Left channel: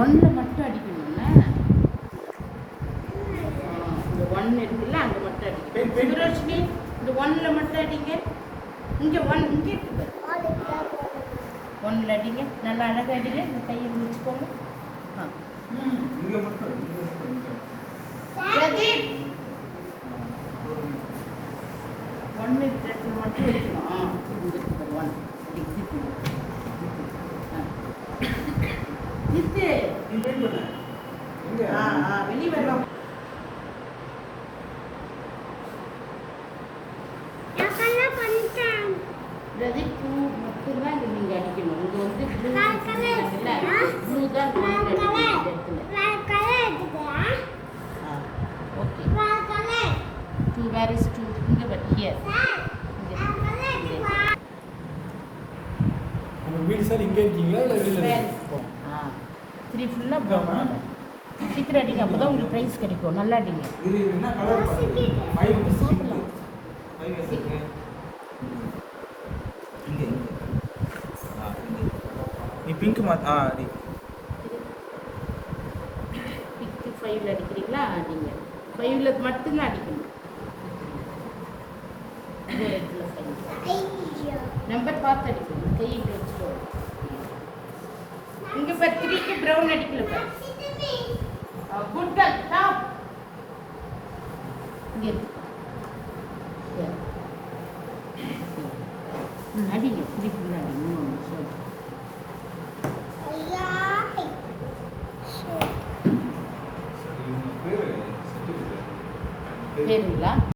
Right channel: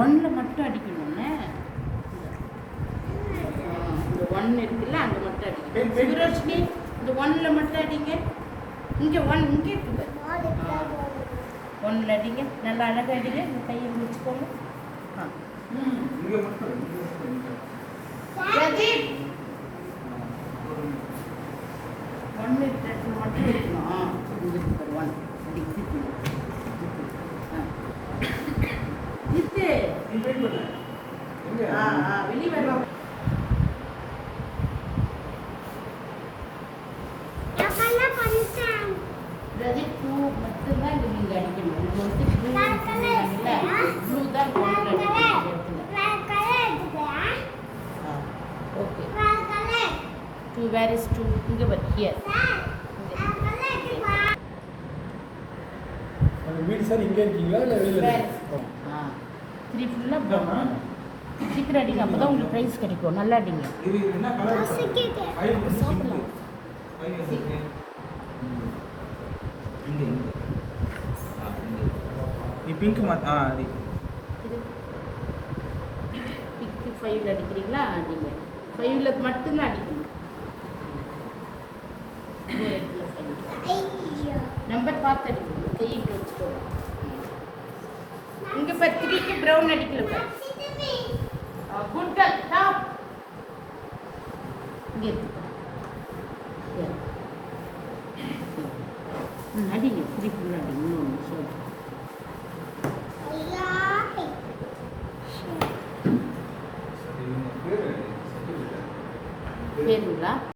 ஒன்றில் மட்டும் அடிக்கணும்னா இந்த ஒன்று இருக்குல்ல அங்கே மட்டும் அடிக்கணும். சுரோஷினி இந்த ஒன்றில் மட்டும் அடிங்க. இங்கே இங்கே இருக்குது. ஒன்றில் அடிங்க. நல்லா அழகாக அடிங்க. இந்த கையை வச்சுக்கோங்க. பிரதீப் ஒன்று மட்டும் இருக்கணும். ஒன் வெளியே வரலாம். பிரதீப் பூ மட்டும்தான் இங்கே நீங்கள் அடிக்கணும். இது வந்து ப்ளூ தான் ஓகே. வேர் இஸ் டூ இங்கே பட் ஹியர் வீடு சார் இங்கே இருக்கீங்களா இல்லை வெளியில்? த்ரீ ஃபுல்லாக சீக்கிரம் அடிங்க. அப்போ தான் உங்களுக்கு ப்ரைஸ் கிடைக்கும். நல்லா அடிங்க. இது என்ன கலர்? சோப்பில் நீ பிங்க் மாத்தா பிங்க் 5ல் அடிக்கிறீங்களா? அடிங்க. 5ல் மட்டும்தான் அடிக்கணும். நம்பர் பார்த்து அடிக்கணும். கை இப்படி வச்சுக்கோங்க. இங்கே இப்போ 3க்கு ப்ரௌன் அடிக்கல. Good girl stop. இங்கே அடிங்க. 3 ஃபுல்லாக அடிங்க. 1 சொல்லு.